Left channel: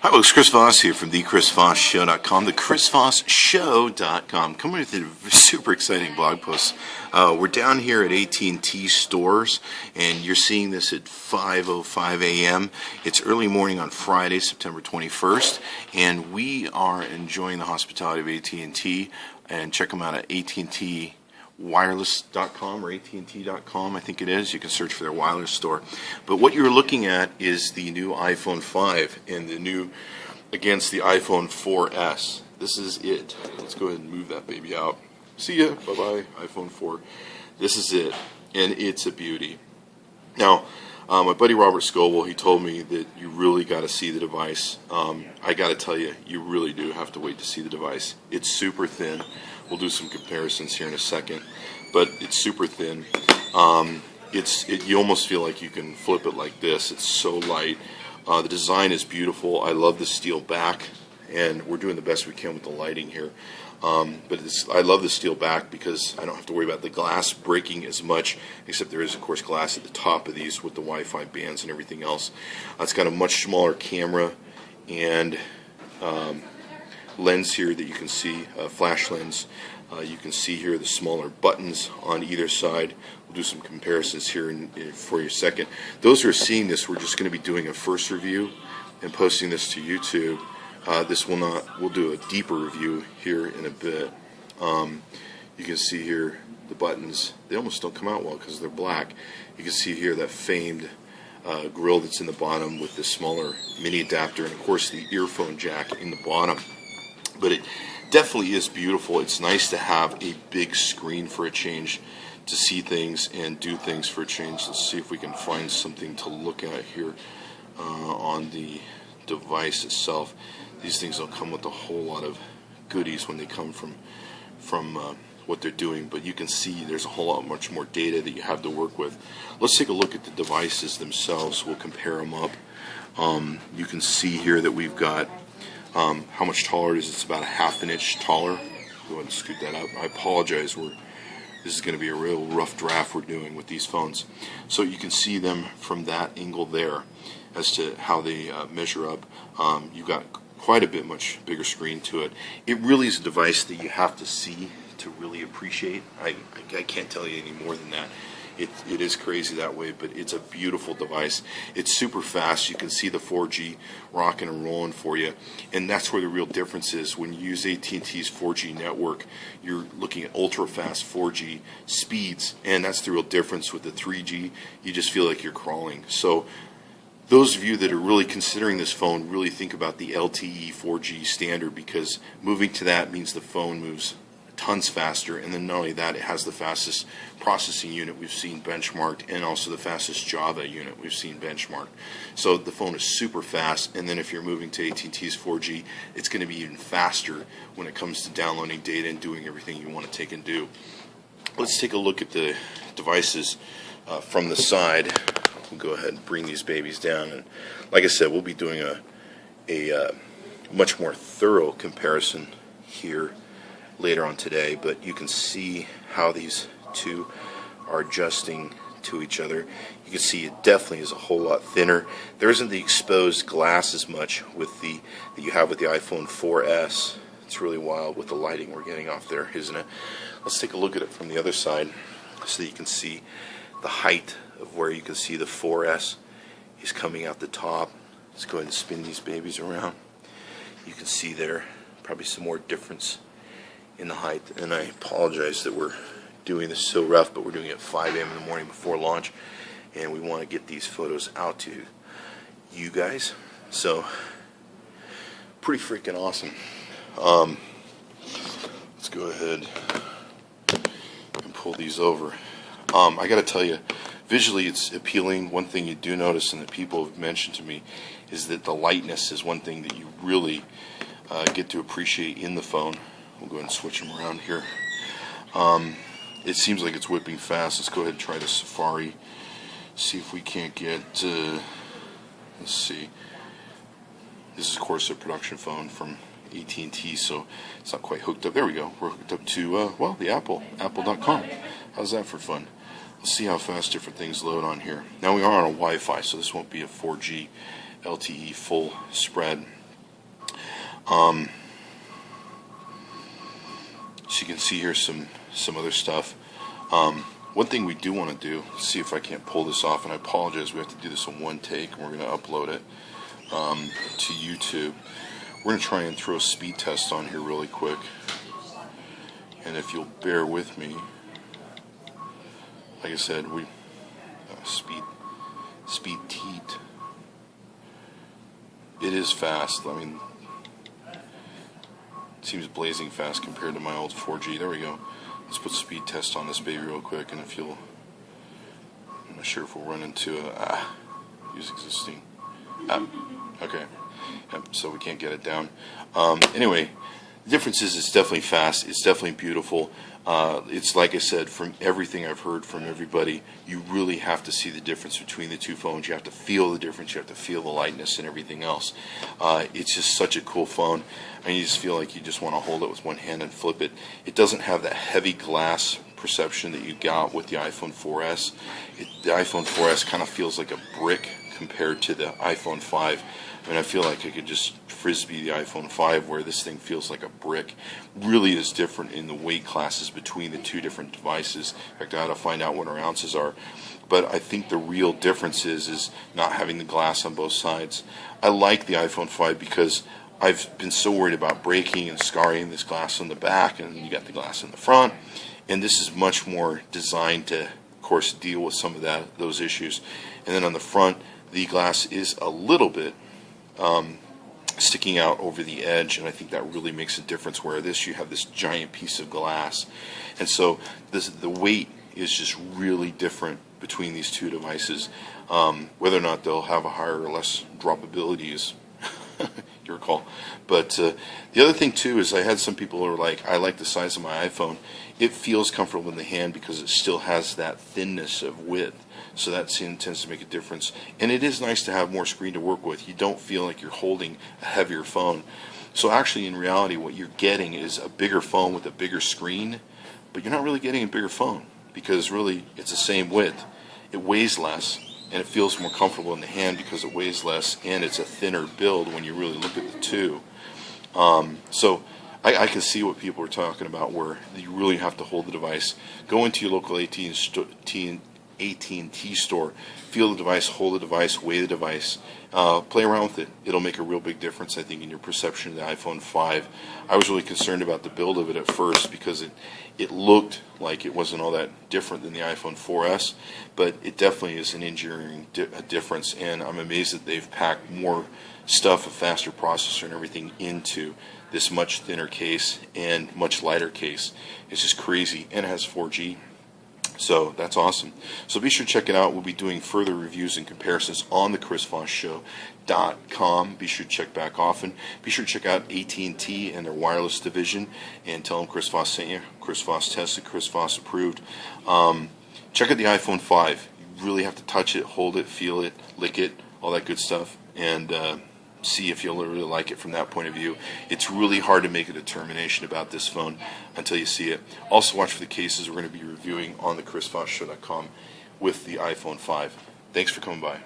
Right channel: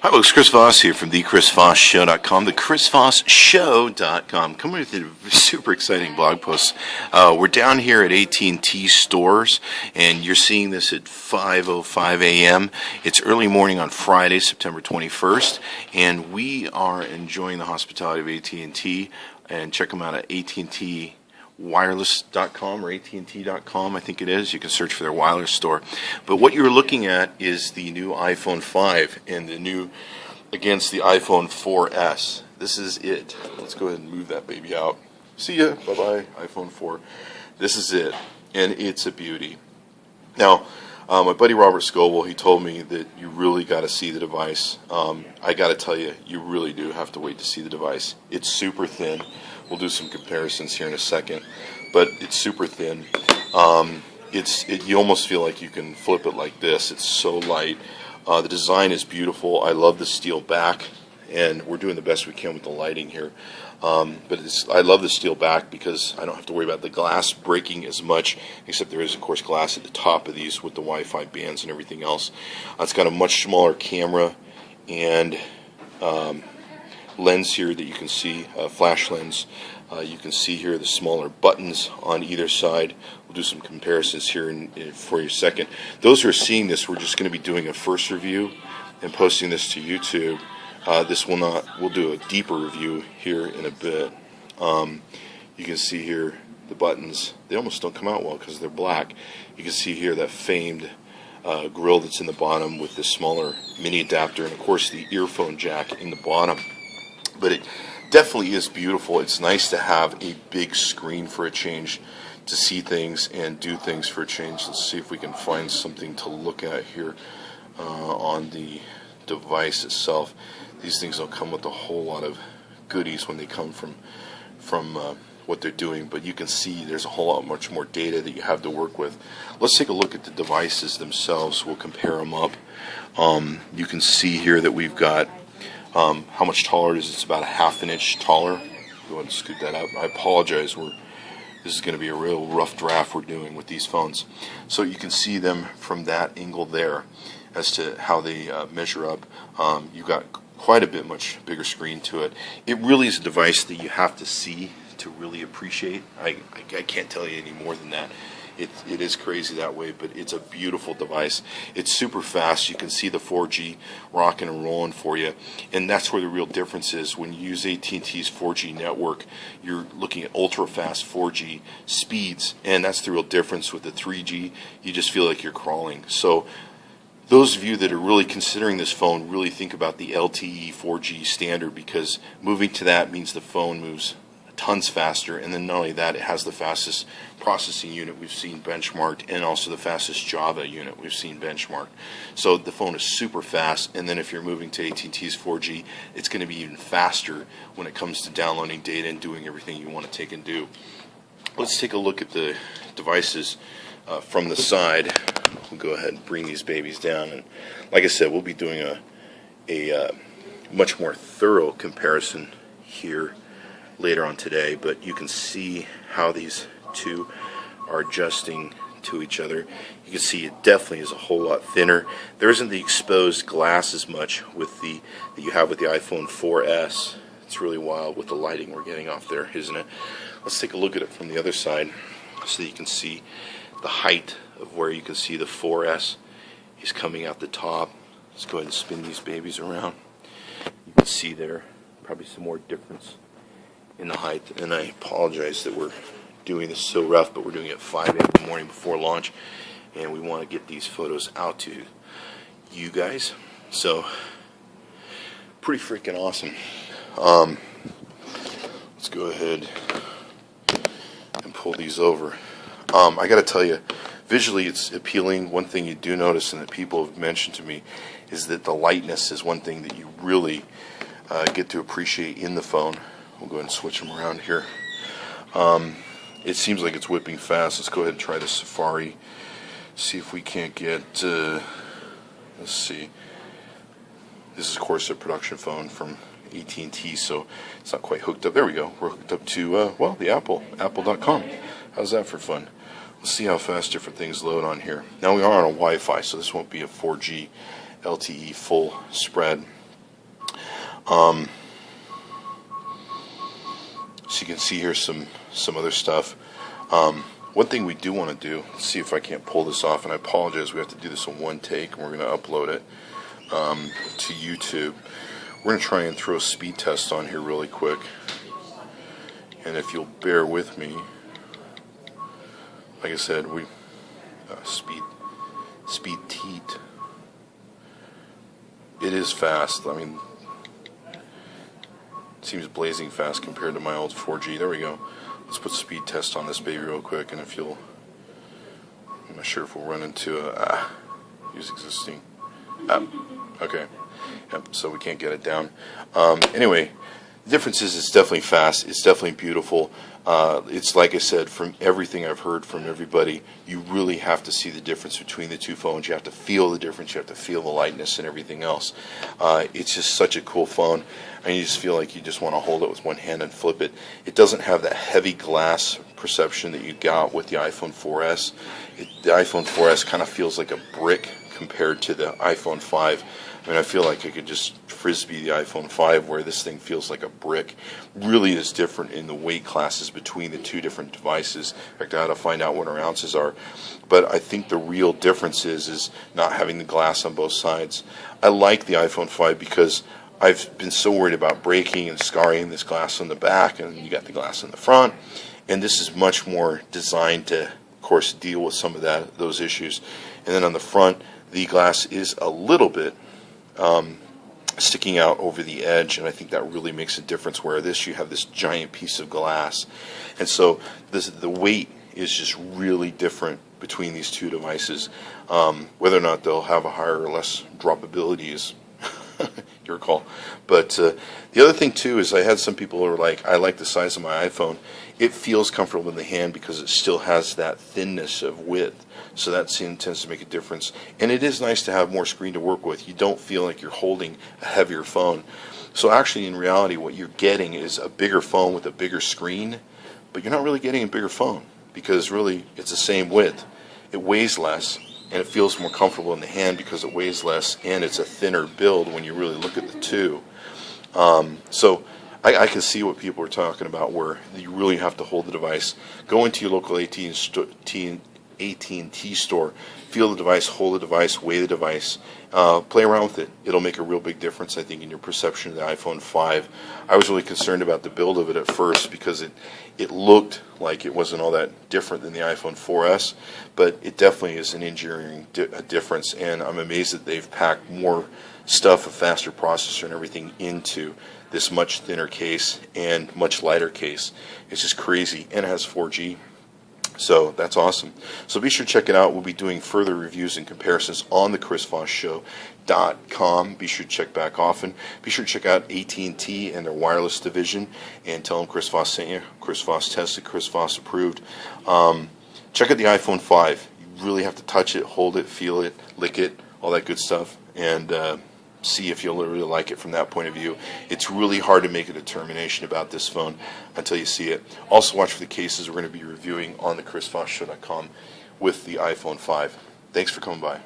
Hi folks, Chris Voss here from thechrisvossshow.com, thechrisvossshow.com. Coming with a super exciting blog post. We're down here at AT&T stores, and you're seeing this at 5:05 a.m. It's early morning on Friday, September 21st, and we are enjoying the hospitality of AT&T. And check them out at AT&T wireless.com or AT&T.com, I think it is. You can search for their wireless store. But what you're looking at is the new iPhone 5 and the new against the iPhone 4S. This is it. Let's go ahead and move that baby out. See ya. Bye-bye, iPhone 4. This is it, and it's a beauty. Now, my buddy Robert Scoble, he told me that you really got to see the device. I got to tell you, you really do have to wait to see the device. It's super thin. We'll do some comparisons here in a second, but it's super thin. You almost feel like you can flip it like this. It's so light. The design is beautiful. I love the steel back, and we're doing the best we can with the lighting here. But I love the steel back because I don't have to worry about the glass breaking as much, except there is, of course, glass at the top of these with the Wi-Fi bands and everything else. It's got a much smaller camera and lens here that you can see, flash lens. You can see here the smaller buttons on either side. We'll do some comparisons here for you a second. Those who are seeing this, we're just going to be doing a first review and posting this to YouTube. We'll do a deeper review here in a bit. You can see here the buttons. They almost don't come out well because they're black. You can see here that famed grill that's in the bottom with the smaller mini adapter, and of course the earphone jack in the bottom. But it definitely is beautiful. It's nice to have a big screen for a change, to see things and do things for a change. Let's see if we can find something to look at here on the device itself. These things don't come with a whole lot of goodies when they come from what they're doing, but you can see there's a whole lot much more data that you have to work with. Let's take a look at the devices themselves. We'll compare them up. You can see here that we've got how much taller it is. It's about a half an inch taller. Go ahead and scoot that out. I apologize. This is going to be a real rough draft we're doing with these phones. So you can see them from that angle there as to how they measure up. You've got quite a bit much bigger screen to it. It really is a device that you have to see to really appreciate. I can't tell you any more than that. It is crazy that way, but it's a beautiful device. It's super fast. You can see the 4G rocking and rolling for you, and that's where the real difference is. When you use AT&T's 4G network, you're looking at ultra-fast 4G speeds, and that's the real difference with the 3G. You just feel like you're crawling. So those of you that are really considering this phone, really think about the LTE 4G standard, because moving to that means the phone moves tons faster, and then not only that, it has the fastest processing unit we've seen benchmarked, and also the fastest Java unit we've seen benchmarked. So the phone is super fast, and then if you're moving to AT&T's 4G, it's going to be even faster when it comes to downloading data and doing everything you want to take and do. Let's take a look at the devices from the side. We'll go ahead and bring these babies down, and like I said, we'll be doing a much more thorough comparison here later on today, but you can see how these two are adjusting to each other. You can see it definitely is a whole lot thinner. There isn't the exposed glass as much with that you have with the iPhone 4S. It's really wild with the lighting we're getting off there, isn't it? Let's take a look at it from the other side so that you can see the height of where you can see the 4S is coming out the top. Let's go ahead and spin these babies around. You can see there probably some more difference in the height, and I apologize that we're doing this so rough, but we're doing it at 5 a.m. in the morning before launch, and we want to get these photos out to you guys. So pretty freaking awesome. Let's go ahead and pull these over. I got to tell you, visually it's appealing. One thing you do notice, and that people have mentioned to me, is that the lightness is one thing that you really get to appreciate in the phone. We'll go ahead and switch them around here. It seems like it's whipping fast. Let's go ahead and try the Safari. See if we can't get, let's see. This is, of course, a production phone from AT&T, so it's not quite hooked up. There we go. We're hooked up to, the apple.com. How's that for fun? Let's see how fast different things load on here. Now we are on a Wi-Fi, so this won't be a 4G LTE full spread. So you can see here some other stuff. One thing we do want to do, see if I can't pull this off, and I apologize, we have to do this in one take, and we're going to upload it to YouTube. We're going to try and throw a speed test on here really quick. And if you'll bear with me, like I said, we speed teat. It is fast. I mean, it seems blazing fast compared to my old 4G. There we go. Let's put speed test on this baby real quick, and if you'll, I'm not sure if we'll run into a use existing app. Okay. Yep, so we can't get it down. Anyway, the difference is it's definitely fast. It's definitely beautiful. It's like I said, from everything I've heard from everybody, you really have to see the difference between the two phones. You have to feel the difference. You have to feel the lightness and everything else. It's just such a cool phone. And you just feel like you just want to hold it with one hand and flip it. It doesn't have that heavy glass perception that you got with the iPhone 4S. The iPhone 4S kind of feels like a brick compared to the iPhone 5. I mean, I feel like I could just frisbee the iPhone 5, where this thing feels like a brick. Really is different in the weight classes between the two different devices. In fact, I had to find out what our ounces are. But I think the real difference is not having the glass on both sides. I like the iPhone 5 because I've been so worried about breaking and scarring this glass on the back, and you got the glass in the front. And this is much more designed to, of course, deal with some of those issues. And then on the front, the glass is a little bit sticking out over the edge, and I think that really makes a difference, where this, you have this giant piece of glass. And so the weight is just really different between these two devices. Whether or not they'll have a higher or less droppability is your call. But the other thing too is I had some people who were like, I like the size of my iPhone. It feels comfortable in the hand because it still has that thinness of width. So that tends to make a difference. And it is nice to have more screen to work with. You don't feel like you're holding a heavier phone. So actually, in reality, what you're getting is a bigger phone with a bigger screen, but you're not really getting a bigger phone, because really it's the same width. It weighs less, and it feels more comfortable in the hand because it weighs less, and it's a thinner build when you really look at the two. So I can see what people are talking about, where you really have to hold the device. Go into your local AT&T store, feel the device, hold the device, weigh the device, play around with it. It'll make a real big difference, I think, in your perception of the iPhone 5. I was really concerned about the build of it at first, because it looked like it wasn't all that different than the iPhone 4S, but it definitely is an engineering difference, and I'm amazed that they've packed more stuff, a faster processor and everything, into this much thinner case and much lighter case. It's just crazy, and it has 4G. So that's awesome. So be sure to check it out. We'll be doing further reviews and comparisons on the ChrisVossShow.com. Be sure to check back often. Be sure to check out AT&T and their wireless division, and tell them Chris Voss sent you. Chris Voss tested, Chris Voss approved. Check out the iPhone 5. You really have to touch it, hold it, feel it, lick it, all that good stuff, and see if you'll really like it from that point of view. It's really hard to make a determination about this phone until you see it. Also watch for the cases we're going to be reviewing on the ChrisVossShow.com with the iPhone 5. Thanks for coming by.